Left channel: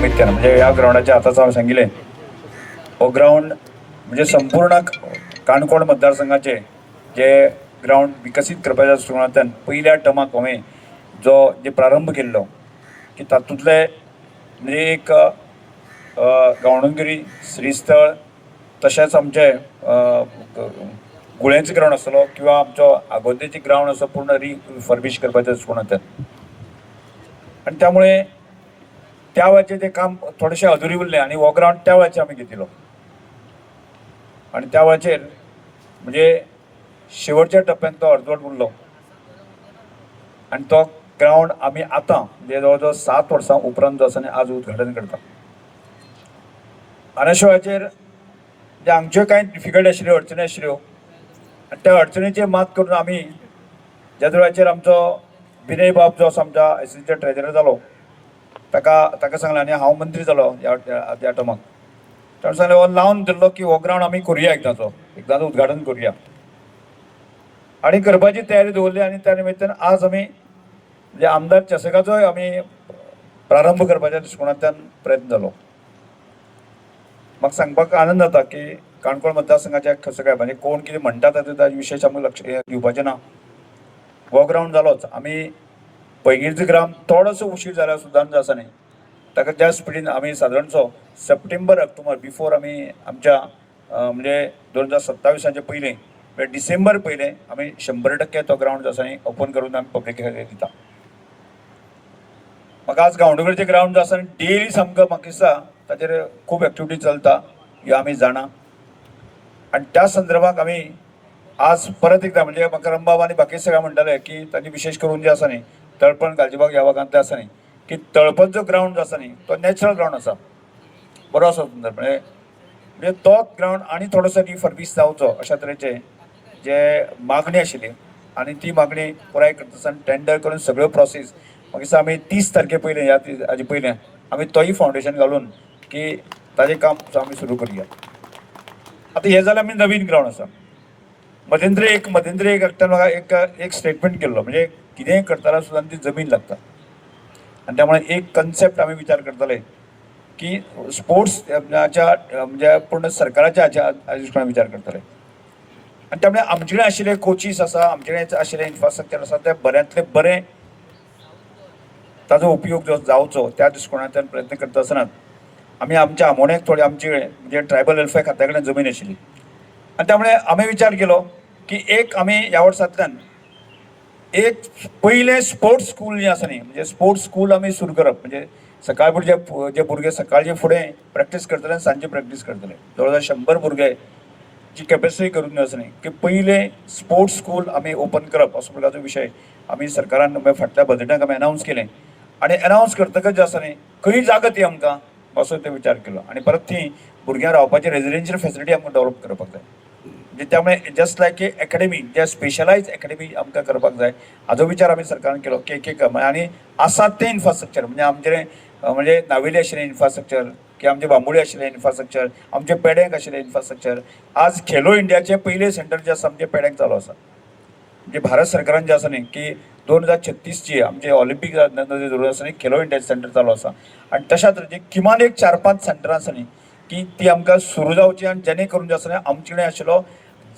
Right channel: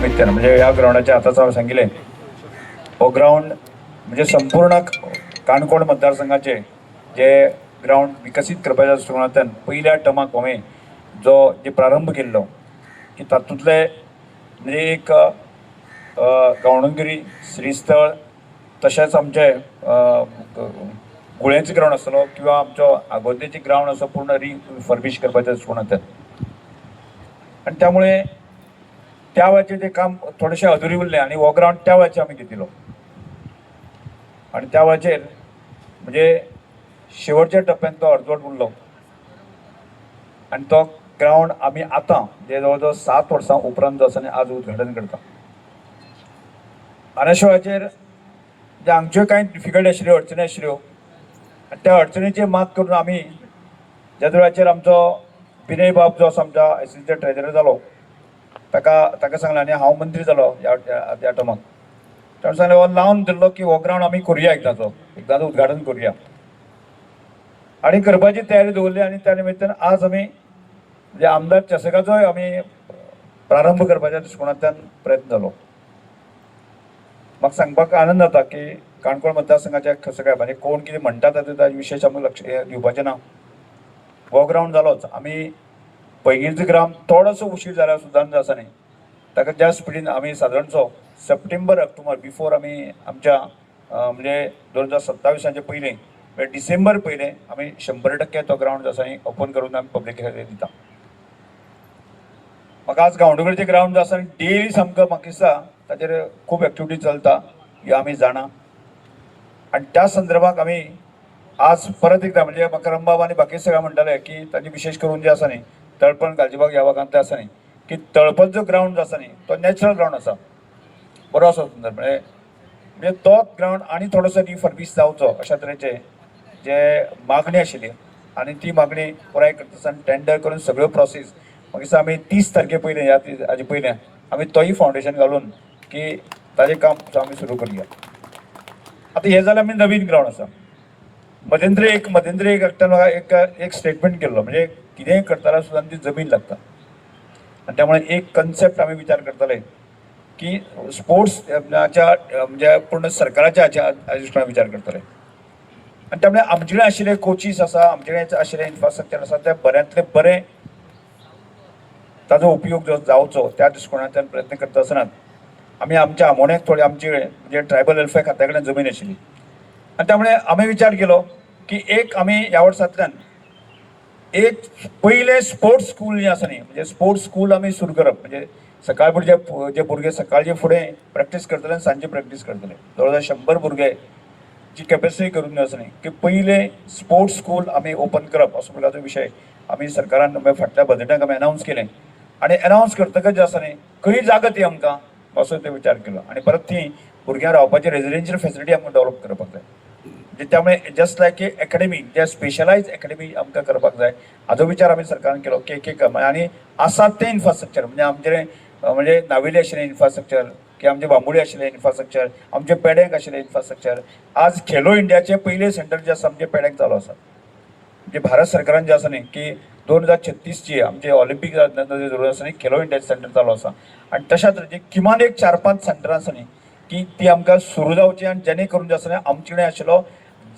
निमित्तानं म्हणजे ह्या ग्राउंडाच्या आताच हांवें सांगिल्लें हो ग्राउंड म्हणजे संपूर्ण काणकोण मतदारसंघाचे जे ग्राउंड विकसीत करपाच्या दृश्टिकोनांतल्यान पयल्या टर्माक हांवें जे प्रारंभ केल्लो की तातूंतले म्हणजे एक गावडोंगरी श्रीस्थळ तशेंच आमचे गुळ्यांचो ग्राउंड आसतलो किंवा आमचो आगोंदेची ग्राउंड असो पूर्ण रिफर्बिश करपाच्या दृश्टिकोनांतल्यान आनी त्यामुळे त्या वेळाचें तें काम थोडेशें अधुरी उरलें आनी हो ग्राउंड त्या वेळाचेर आमी घेतिलो आनी त्या वेळाचेर म्हणजे शेवटच्या टप्प्यान तो अर्दवट उरलो आनी तो ग्राउंड आमी आतां म्हणजे जवळ जवळ 7 वर्सां उपरांत जो आसा न्ही आज उद्घाटन करता आनी अशा वेळाचेर जे आमच्यो कांय डिफिकल्ट आशिल्ल्यो अडचणी आशिल्ल्यो आनी त्या अडचणीचेर मात करून आमी ज्या वेळाचेर आमचो विनय बाब जो आसा आमच्या एसिस्टंट ट्रेजरर जालो ताका सांगलें आनी हांव मंत्री जालो ह्या टर्माक ताणें सांगलें हो लावन धरलो की हो ग्राउंड आमी करुया एकदांचो उद्घाटन करुया आनी करपाची तयारी दवरली आनी त्या निमित्तान आज आमी म्हणजे आमदार चषकाचोय आमी प्रारंभ करपाच्या दृश्टिकोनांतल्यान प्रयत्न जालो म्हाका सांगपाक आनंद जाता की काणकोण मतदारसंघाच्या कसं काय म्हणजे कोण कितें म्हणटा तातूंत विशेश आमकां लक्ष दिवपाचें ना हो ग्राउंड जालोच आमी पैंगीणचो ग्राम थोडोसो उशीर जाल्यार सुद्दां जो आसा न्ही ताका त्या स्पिडीन आमी सादारणसो सप्टेंबर ऑक्टोबर बिफोर आमी आमच्या म्हणजे 2027 पयलीं म्हणजे डिसेंबर पयलें आमी 100% तो ग्राउंड जो आसा न्ही ओपन करून आमी पब्लिके दिता म्हाका आज गांवडोंगरीचें ग्राउंड जो आसा डेली सामको म्हाका दिसता ताचेर खूब एक्टिविटी चलता ह्यो आमी जाणा आनी त्या संदर्भात आमी आज परत एकदा म्हणजे म्हाका रंबाब आनी बाकी सगळ्या म्हणटाले की ताची विशेष करून जे आसा न्ही तळपण गालजीबाग ह्या भागांतले आसा न्ही की तळपण जो ग्राउंड जो आसा न्ही तो नॅचरल ग्राउंड आसा बरो आसा सुंदर म्हणजे तोच ग्राउंड आनी थोडोसो रिफर्बिश जावचो अशा तरेचे जे मागणी आशिल्ली आनी ती मागणी पुराय करता आसतना टेंडर करून सगळ्यो प्रोसेस म्हाका दिसता आमी 30 तारखे पयलें ह्या हाजे पयलें आमी तोय फावंडेशन घालून की ताजें काम आमी सुरू करुया आतां हें जाल्यार आमी नवीन ग्राउंड आसा मध्यंतरी एक एकट्यान एक स्टेटमेंट केल्लो म्हणजे कितेंय करताना सुद्दां ती जमीन लागता आनी त्यामुळे एक कन्सेप्ट आमी विचार करतले की स्पोर्ट्सच्या म्हणजे पूर्ण सरकाराच्या हाच्या विचार करतले आनी त्यामुळे आमचे कडेन आशिल्ले कोचीस आसा आमचे कडेन आशिल्ले इन्फ्रास्ट्रक्चर आसा ते बऱ्यांतले बरें ताजो उपयोग जो जावचो त्या दृश्टिकोनांतल्यान प्रयत्न करता आसतना आमी आमच्या आमोण्याक थोडी आमचे म्हणजे ट्रायबल वेलफेअर खात्या कडेन जमीन आशिल्ली आनी त्यामुळे आमी विचार केलो की एक आमी ह्या वर्सांतल्यान एक पयलें स्पोर्ट्स स्कूल जें आसा न्ही म्हणजे स्पोर्ट्स स्कूल आमी सुरू करप म्हणजे सकाळ फुडें जे भुरगे सकाळचे फुडें प्रॅक्टीस करतले आनी सांजे प्रॅक्टीस करतले जवळ जवळ 100 भुरगे जी कॅपेसिटी करून आसा न्ही की पयलें स्पोर्ट्स स्कूल आमी ओपन करप असो प्रकारचो विशय आमी सरकारान फाटल्या बजेटाक आमी अनावन्स केलें आनी अनावन्स करतकच जे आसा न्ही खंय जागा ती आमकां असो ते विचार केलो आनी परत ती भुरग्यां रावपाची रेजिडेन्शियल फेसिलिटी आमकां डेव्हलप करपाक जाय म्हणजे त्यामुळे जस्ट लायक ए अकॅडमी जे स्पेशलायज अकॅडमी आमकां करपाक जाय हाजो विचार आमी सरकारान केलो की एक आनी आसात ते इन्फ्रास्ट्रक्चर म्हणजे आमचे म्हणजे नावेली आशिल्लें इन्फ्रास्ट्रक्चर की आमचे बांबोळी आशिल्लें इन्फ्रास्ट्रक्चर आमचे पेड्यांक आशिल्लें इन्फ्रास्ट्रक्चर आज खेलो इंडियाचे पयलें सेंटर जे आसा आमचे पेड्यांक चालू आसा म्हणजे भारत सरकारान जे आसा न्ही की 2036 आमचे ऑलिंपीक जरूर आसा न्ही खेलो इंडिया सेंटर चालू आसा आनी तशा तरेचे किमान एक 4-5 सेंटरां आसा न्ही की ती आमकां सुरू जावची आनी जेणे करून जे आसा न्ही आमचे कडेन आशिल्लो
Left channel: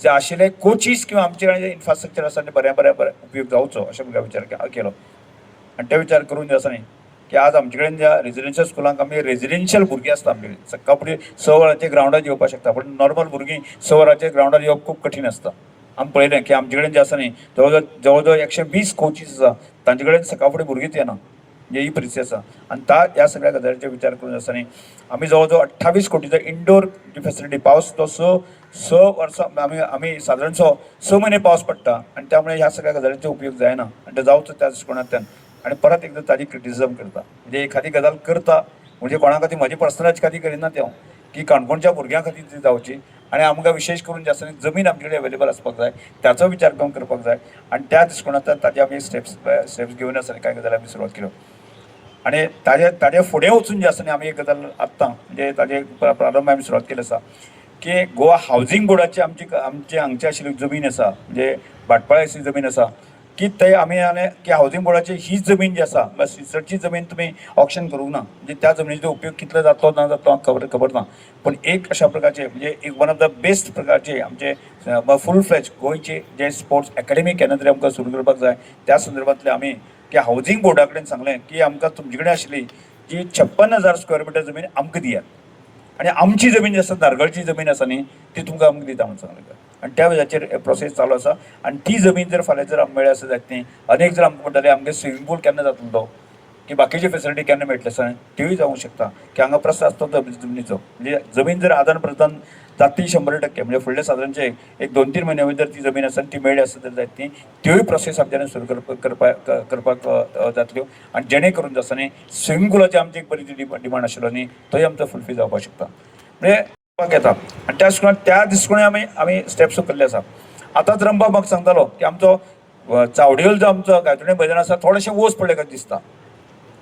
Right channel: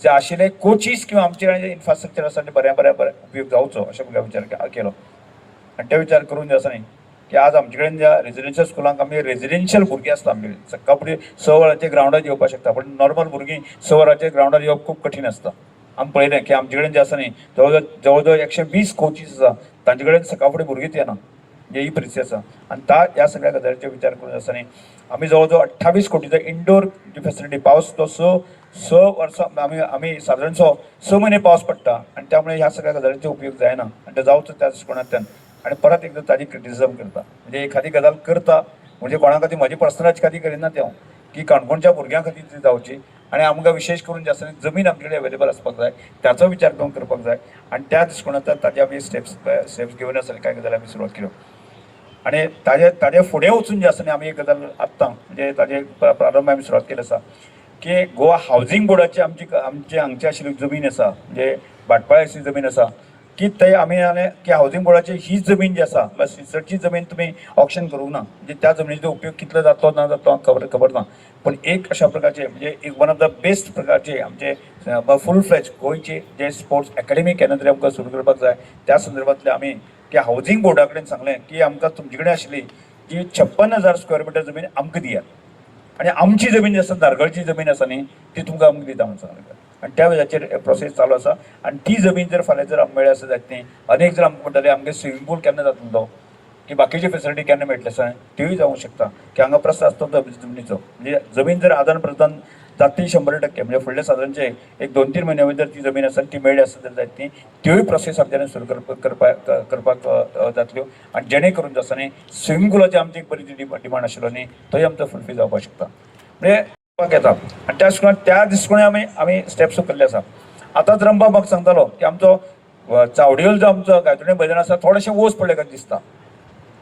जे आशिल्ले कोचीस किंवा आमचे कडेन जे इन्फ्रास्ट्रक्चर आसा ते बऱ्या उपयोग जावचो अशें विचार केलो आनी ते विचार करून जे आसा न्ही की आज आमचे कडेन ज्या रेजिडेन्शियल स्कुलांक आमी रेजिडेन्शियल भुरगीं आसता आमचे कडेन सकाळ फुडें 6 वरांचेर ग्राउंडार येवपाक शकता पण नॉर्मल भुरगीं 6 वरांचेर ग्राउंडार येवप खूब कठीण आसता आमी पळयलें की आमचे कडेन जे आसा न्ही जवळ जवळ 120 कोचीस आसा तांचे कडेन सकाळ फुडें भुरगींच येना म्हणजे ही परिस्थिती आसा आनी ह्या सगळ्या गजालींचेर विचार करून आसा न्ही आमी जवळ जवळ 28 कोटीचो इंडोर जी फेसिलिटी पावस तो स वर्सां आमी सादारणसो 6 म्हयने पावस पडटा आनी त्यामुळे ह्या सगळ्या गजालींचो उपयोग जायना आनी ते जावचो त्या दृश्टिकोनांतल्यान आनी परत एकदां ताजी क्रिटिसिजम करता म्हणजे एखादी गजाल करता म्हणजे कोणा खातीर म्हजी पर्सनल खातीर करिना ते की काणकोणच्या भुरग्यां खातीर ती जावची आनी आमकां विशेष करून जे आसा जमीन आमचे कडेन अवेलेबल आसपाक जाय त्याचो विचार करून करपाक जाय आनी त्या दृश्टिकोनांतल्यान ताजे आमी स्टेप्स घेवन आसा कांय गजाली आमी सुरवात केल्यो आनी ताजे फुडें वचून जे आसा न्ही आमी एक गजाल आत्तां म्हणजे ताजे प्रारंभ आमी सुरवात केली आसा की गोवा हावजींग बोर्डाची आमचे हांगची आशिल्ली जमीन आसा म्हणजे भाटपाळी आशिल्ली जमीन आसा की ते आम्ही की हाऊसिंग बोर्डाची ही जमीन जी आसा बस रिसर्चची जमीन तुम्ही ऑप्शन करूंक ना, म्हणजे त्या जमिनीचो उपयोग कितलो जातो ना जातो खबर ना. पण एक अशा प्रकारचे म्हणजे एक वन ऑफ द बेस्ट प्रकारचे आमचे फुल फ्लेज गोंयचे जे स्पोर्ट्स अकॅडमी केन्ना तरी आमकां सुरू करपाक जाय. त्या संदर्भातले आमी की हाऊसिंग बोर्डा कडेन सांगलें की आमकां तुमचे कडेन आशिल्ली जी 56,000 स्क्वेअर मिटर जमीन आमकां दियात आणि आमची जमीन जी आसा नारगळची जमीन आसा न्ही ती तुमकां आमकां दिता म्हणून सांगलें. आणि त्या वेळाचेर प्रोसेस चालू आसा. आणि ती जमीन जर फाल्यां जर आमकां मेळ्ळी आसत जायत न्ही अनेक जर आमकां म्हणटाले आमगे स्विमींग पूल केन्ना जातलो की बाकीची फेसिलिटी केन्ना मेळटली आसा त्योय जावंक शकता की हांगा प्रस्न आसतो जमनीचो. म्हणजे जमीन जर आदान प्रदान जातली 100% म्हणजे फुडले सादारणचे एक 2-3 म्हयन्या भितर ती जमीन आसा ती मेळ्ळी आसत जर जायत न्ही त्योय प्रोसेस आमच्यान सुरू करपाक जातल्यो. आणि जेणे करून आसा न्ही स्विमींग पुलाची आमची एक बरी डिमांड आशिल्लो न्ही तोय आमचो फुलफील जावपाक शकता. म्हणजे येता आणि त्या दृश्टिकोणी आमी स्टेप्स उखल्ले आसा. आतांच रंबा म्हाका सांगतालो की आमचो चावडेल जो आमचो गायतोणे मैदान आसा थोडेशें ओस पडले कशें दिसता.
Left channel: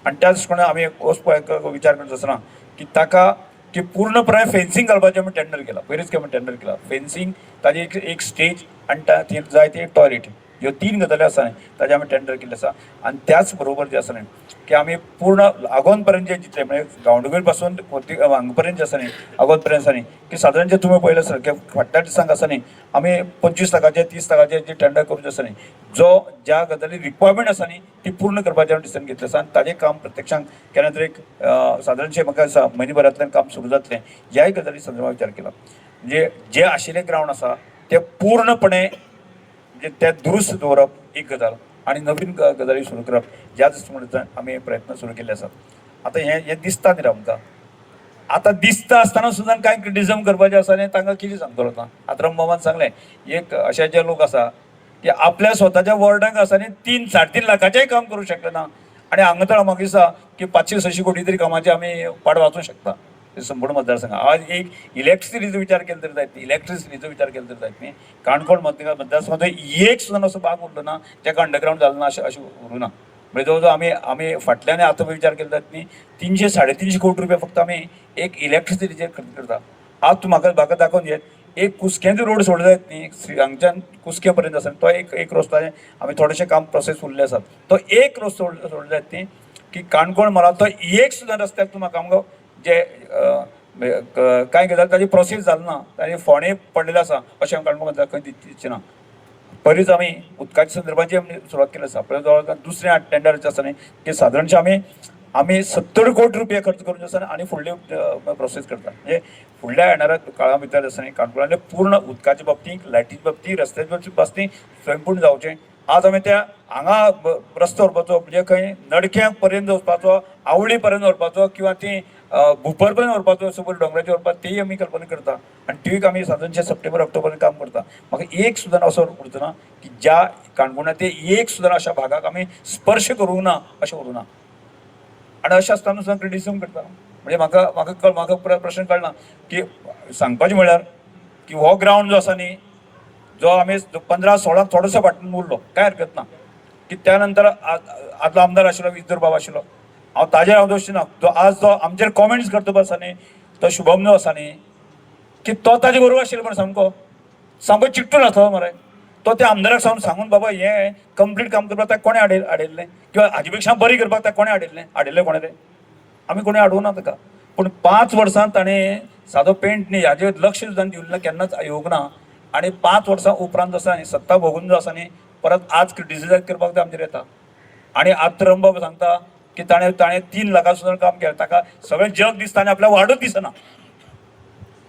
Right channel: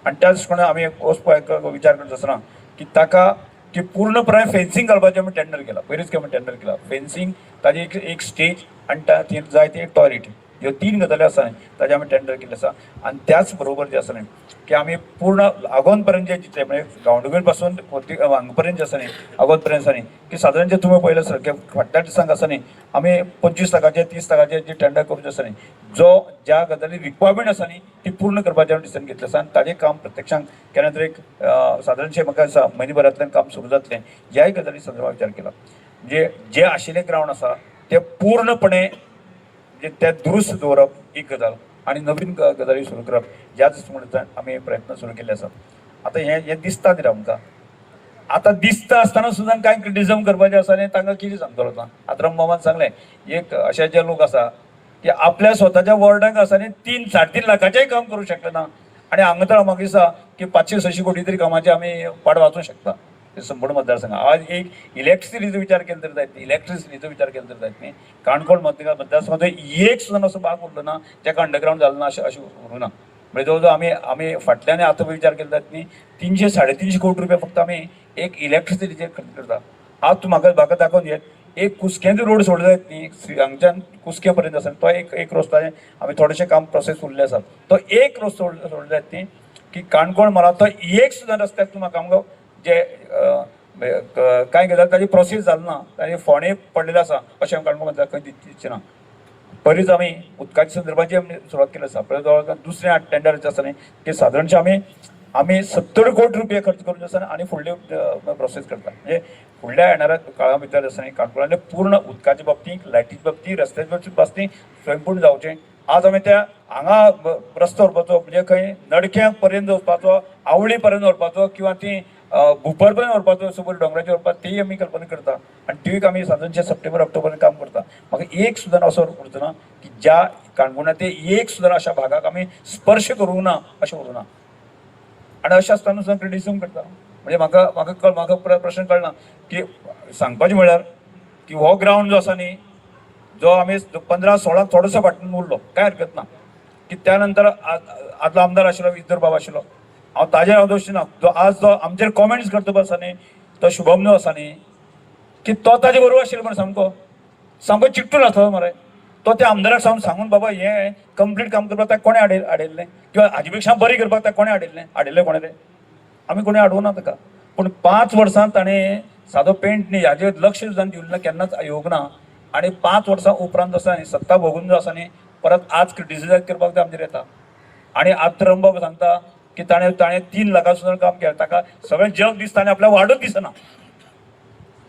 आणि त्या दृश्टिकोणी आमी ओस विचार करता आसतना की ताका की पूर्णपणे फेन्सिंग घालपाचें आमी टेंडर केला. पयलींच आमी टेंडर केला फेन्सिंग ताजी एक स्टेज आणि जाय ती एक टॉयलेट ह्यो 3 गजाली आसा न्ही ताजे आमी टेंडर केल्ले आसा. आणि त्याच बरोबर जे आसा न्ही की आमी पूर्ण आगोंद पर्यंत जे जितले म्हणजे गांवडोंगरी पासून हांगा पर्यंत जे आसा न्ही आगोंद पर्यंत आसा न्ही की सादारणचे तुमी पळयलें आसा की फाटल्या दिसांक आसा न्ही आमी 25% 30% जी टेंडर करून आसा न्ही जो ज्या गजाली रिक्वायरमेंट आसा न्ही ती पूर्ण करपाचें डिसिजन घेतलें आसा. आणि ताजें काम प्रत्यक्षांत केन्ना तरी एक सादारणशें म्हाका दिसता म्हयनेभरांतल्यान काम सुरू जातलें ह्याय गजाली संदर्भात विचार केला. म्हणजे जे आशिल्ले ग्रावंड आसा ते पूर्णपणे म्हणजे ते दुरुस्त दवरप एक गजाल आणि नवीन गजाली सुरू करप ह्या दृश्टिकोनांतल्यान आमी प्रयत्न सुरू केले आसात. आतां हे दिसता न्ही आमकां आतां दिसता आसतना सुद्दां कांय क्रिटिसिजम करपाचें आसा आनी तांकां कितें सांगतलो ना. आतां रंबामान सांगलें एक अशे जे लोक आसा की आपल्या स्वताच्या वॉर्डाक आसा न्ही 3-3.5 लाखाचेंय काम करूं शकले ना. आणि हांगा तर म्हाका दिसता की 500-600 कोटी तरी कामाचे आमी पाड वाचूंक शकता संपूर्ण मतदारसंघ. आज एक इलेक्ट्रिसिटीचो विचार केलो तर जायत न्ही इलेक्ट्रिसिटीचो विचार केलो तर जायत न्ही काणकोण मतदारसंघाचो एक सुद्दां असो भाग उरलो ना जेका अंडरग्रावंड जालो ना अशें उरूं ना. म्हणजे जवळ आमी फाटल्यान आतां विचार केलो जायत न्ही 300-350 कोटी रुपया फक्त आमी एक इलेक्ट्रिसिटीचेर खर्च करता. आज तूं म्हाका दाखोवन दियेत एक कुसक्यांचो रोड सोडलो जायत न्ही हांगच्यान कुसके पर्यंत आसा तो एक रस्तो आमी थोडेशें काम प्रोसेस उरले आसा तो एक रस्तो सोडलो जायत न्ही की काणकोण मला तो एक सुद्दां रस्त्याक तूं म्हाका आमकां जे कांय गजाल ताजी प्रोसेस जाली ना ताजे फोंडे पडलेले आसा अशें काणकोण खंय दिसचें ना. बरीच आमी उदकाच्या संदर्भाची आमी सुरवात केली आसा. आपल्या जवळ दुसरें टेंडर जें आसा न्ही की सादारणशें आमी 70 कोटी रुपया खर्च करून आसा आनी फुडले प्रोसेस करता. म्हणजे फुडल्या येणाऱ्या काळा भितर आसा न्ही काणकोणांतले पूर्ण उदकाच्या बाबतींत लायटीच्या बाबतींत रस्त्याच्या बाबतींत स्वयंपूर्ण जावचें. आज आमी त्या हांगा रस्तो व्हरपाचो म्हणजे खंय नडक्यां पर्यंत वचपाचो आवळी पर्यंत व्हरपाचो किंवा ती भुपर पर्यंत व्हरपाचो सकयल डोंगराचेर व्हरपाचो तेय आमी कल्पना करता. आणि त्योय आमी सादारणशें सप्टेंबर ऑक्टोबर काम करता. म्हाका एक सुद्दां असो उरचो ना की ज्या काणकोणांत एक सुद्दां अशा भागाक आमी स्पर्श करूंक ना अशें उरूं ना. आणि अशें आसतना सुद्दां क्रिटिसिजम करता. म्हणजे म्हाका प्रश्न कळना की सांगपाचें म्हळ्यार की हो ग्रावंड जो आसा न्ही जो आमी 15-16 थोडोसो फाटून उरलो कांय हरकत ना की त्या नंतर आदलो आमदार आशिल्लो विजर बाब आशिल्लो हांव ताजेर हांव दोश दिना जो आज जो आमचेर कॉमेंट्स करता पळय आसा न्ही तो शुभम न्हू आसा न्ही की तो ताजे बरोबर आशिल्लो म्हण सामको चिट्टून आसलो मरे. तो त्या आमदाराक सांगून बाबा हें कंप्लीट काम करपाक ताका कोणें हाडयल्लें किंवा हाजे पेक्षा बरी करपाक ताका कोणें हाडयल्लें कोणें तें आमी कोणें हाडूंक ना ताका. पूण 5 वर्सां ताणें सादो पेंट न्ही हाजेर लक्ष सुद्दां दिवंक ना केन्नाच येवंक ना. आणि 5 वर्सां उपरांत आसा न्ही सत्ता भोगून जो आसा न्ही परत आज क्रिटिसायज करपाक ते आमचेर येता. आणि आज रंबाब सांगता की ताणें 3 लाखां सुद्दां काम केलें ताका सगळें जग दिसता आनी आपल्याक वाडूच दिसना.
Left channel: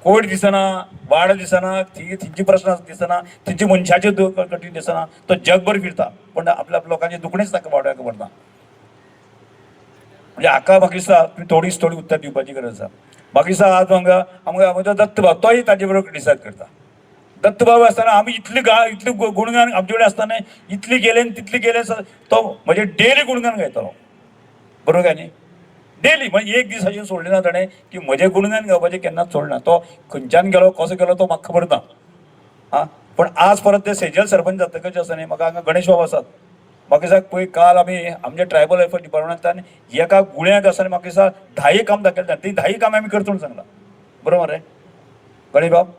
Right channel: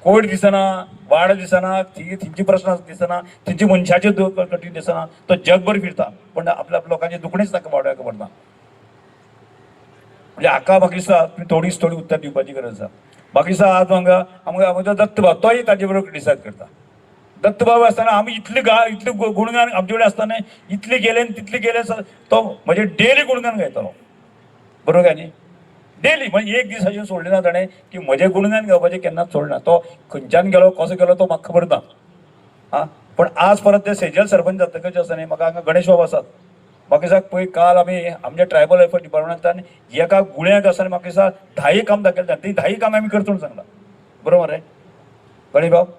कोविड दिसना वाड दिसना तिंची प्रश्न दिसना तिंची मनशाचे कठीण दिसना तो जगभर फिरता पण आपल्या लोकांचे दुखणेच ताका वाड्याक पडना. म्हणजे हाका म्हाका दिसता थोडी उत्तर दिवपाची गरज आसा. म्हाका दिसता आज आमचो दत्त भाव तोय ताजे बरोबर क्रिटिसायज करता. दत्त भाव आसतना आमी इतले गुणगान आमचे कडेन आसतना इतले गेले तितले गेले तो म्हणजे डेली गुणगान गायतालो बरोबर काय न्ही डेली म्हणजे एक दीस अशें सोडलें ना ताणें की म्हजें गुणगान गावपाचें केन्नाच सोडना. तो खंयच्यान गेलो कसो गेलो तो म्हाका खबर ना. पण आज परत ते सेजल सरपंच जातकच आसा न्ही म्हाका हांगा गणेश बाब आसात म्हाका दिसता पळय काल आमी आमच्या ट्रायबल वेलफेअर डिपार्टमेंटान एका गुण्याक आसा म्हाका दिसता 10 काम दाखयलें ती 10 काम आमी करता म्हणून सांगला बरोबर रे गणेश बाब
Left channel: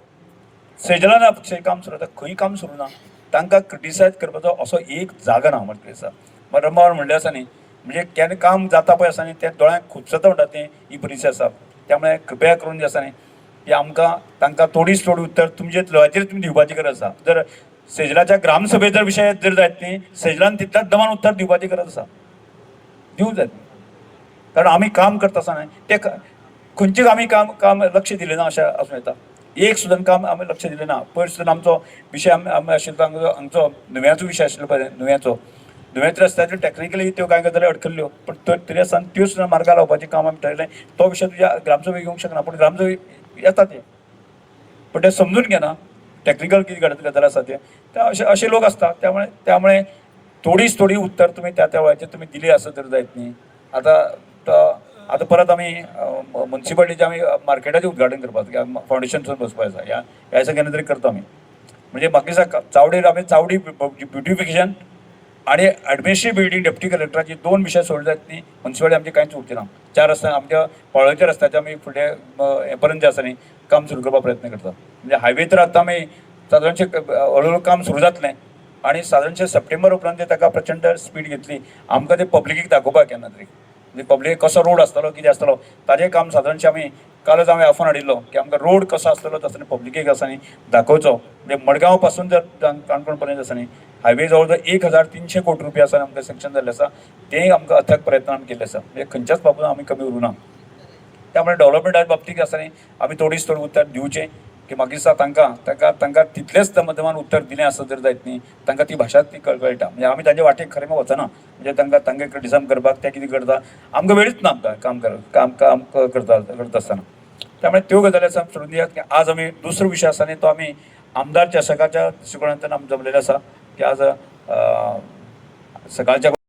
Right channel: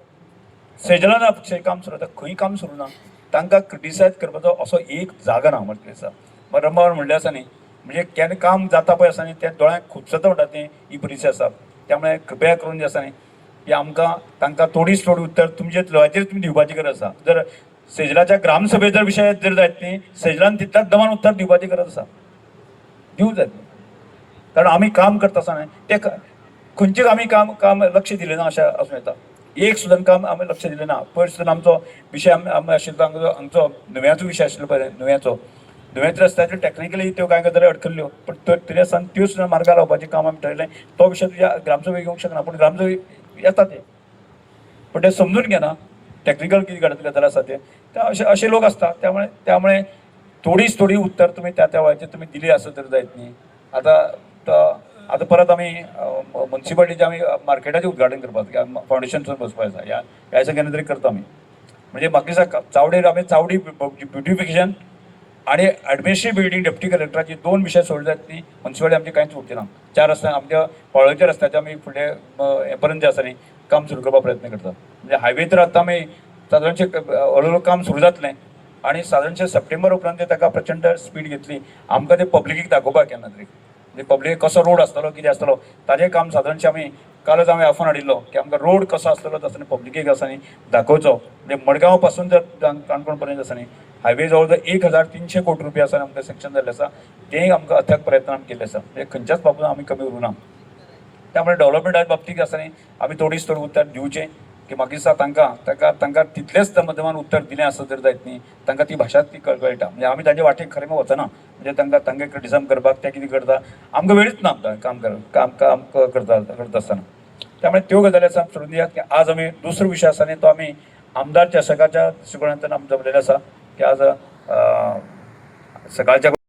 सेजलान काम सुरू आतां खंय काम सुरू ना. तांकां क्रिटिसायज करपाचो असो एक जागा ना म्हटलें आसा. रंभावर म्हणलें आसा न्ही, म्हणजे केन्ना काम जाता पळय आसा न्ही तें दोळ्यांक खुबसता म्हणटा तें ही परिस्थिती आसा. त्यामुळे कृपया करून जे आसा न्ही की आमकां तांकां थोडीच थोडी उत्तर तुमचे थ्रुआचेर तुमी दिवपाची गरज आसा. जर सेजलाच्या ग्रामसभेचो विशय जर जायत न्ही, सेजलान तितल्याच दमान उत्तर दिवपाची गरज आसा, दिवंक जाय. कारण आमी काम करता आसतना ते खंयचेच आमी काम लक्ष दिलें ना अशें आसूं येता. एक सुद्दां काम आमी लक्ष दिलें ना. पयर सुद्दां आमचो विशय आमी आशिल्लो आमचो नुव्याचो विशय आशिल्लो पळय, नुव्याच्या रस्त्याचेर टॅक्निकली त्यो कांय गजाली अडखल्ल्यो, पण तरी आसतना त्यो सुद्दां मार्गार लावपाचें काम आमी ठरयलें. तो विशय तुज्या ग्रामसभेक येवंक शकना, पूण ग्रामसभेक येता ते, पण ते समजून घेना टॅक्निकल कितें गजाल आसा ते असे लोक असतात. त्यामुळे थोडीच थोडी उत्तर तुम्ही त्या वेळाचेर तुम्ही दिली असं तर जायत न्ही. आता परत आम्ही म्युन्सिपाल्टीचे आम्ही मार्केटाचें उद्घाटन करपाक फाउंडेशनसून बसपाक आसा. ह्या दिसा केन्ना तरी करता आमी. म्हणजे म्हाका दिसता चावडेर आमी चावडी ब्युटिफिकेशन आणि ॲडमिनिस्ट्रेटिव्ह बिल्डींग डेप्युटी कलेक्टराचे 2 विशय सोडले जायत न्ही. म्युन्सिपाल्टी आमची कांयच उरची ना. 4 रस्ते आमच्या पळोवच्या रस्त्याचे आमी फुडें हे पर्यंत जे आसा न्ही काम सुरू करपाक प्रयत्न करता. म्हणजे हायवे तर आतां आमी सादारणशें हळूहळू काम सुरू जातलें आणि सादारणशें सप्टेंबर उपरांत ताका प्रचंड स्पीड घेतली. आमकां ते पब्लिकेक दाखोवपाक केन्ना तरी, म्हणजे पब्लिकेक कसो रोड आसतलो कितें आसतलो ताजें काम सादारणशें आमी कालच हांवें आफोन हाडिल्लो की आमकां रोड कसो आसतलो तसो पब्लिकेक आसा न्ही दाखोवचो. म्हणजे मडगांव पासून जर काणकोण पर्यंत आसा न्ही हायवे जवळ जवळ 1300 कोटी रुपया आसा आमकां सेक्शन जाल्लें आसा. तें आमकां अथक प्रयत्न आमी केल्ले आसा. म्हणजे खंयच्याच बाबतींत आमी कमी उरूं ना. त्यामुळे डेव्हलपमेंटा बाबतींत आसा न्ही आमी थोडीच थोडी उत्तर दिवचें की म्हाका दिसता तांकां तितलेंच दमान उत्तर दिलें आसत जर जायत न्ही तांकां ती भाशा ती कळटा. म्हणजे आमी ताजे वाटेक खरें वचना. म्हणजे तांकां क्रिटिसायज करपाक ते कितें करता आमकां वेळच ना काम करता आसतना. त्यामुळे त्यो गजाली आसा सोडून दियात की आज आमी दुसरो विशय आसा न्ही तो आमी आमदार चषकाच्या दृश्टिकोनांतल्यान आमी जमलेले आसा की आज सकाळच्या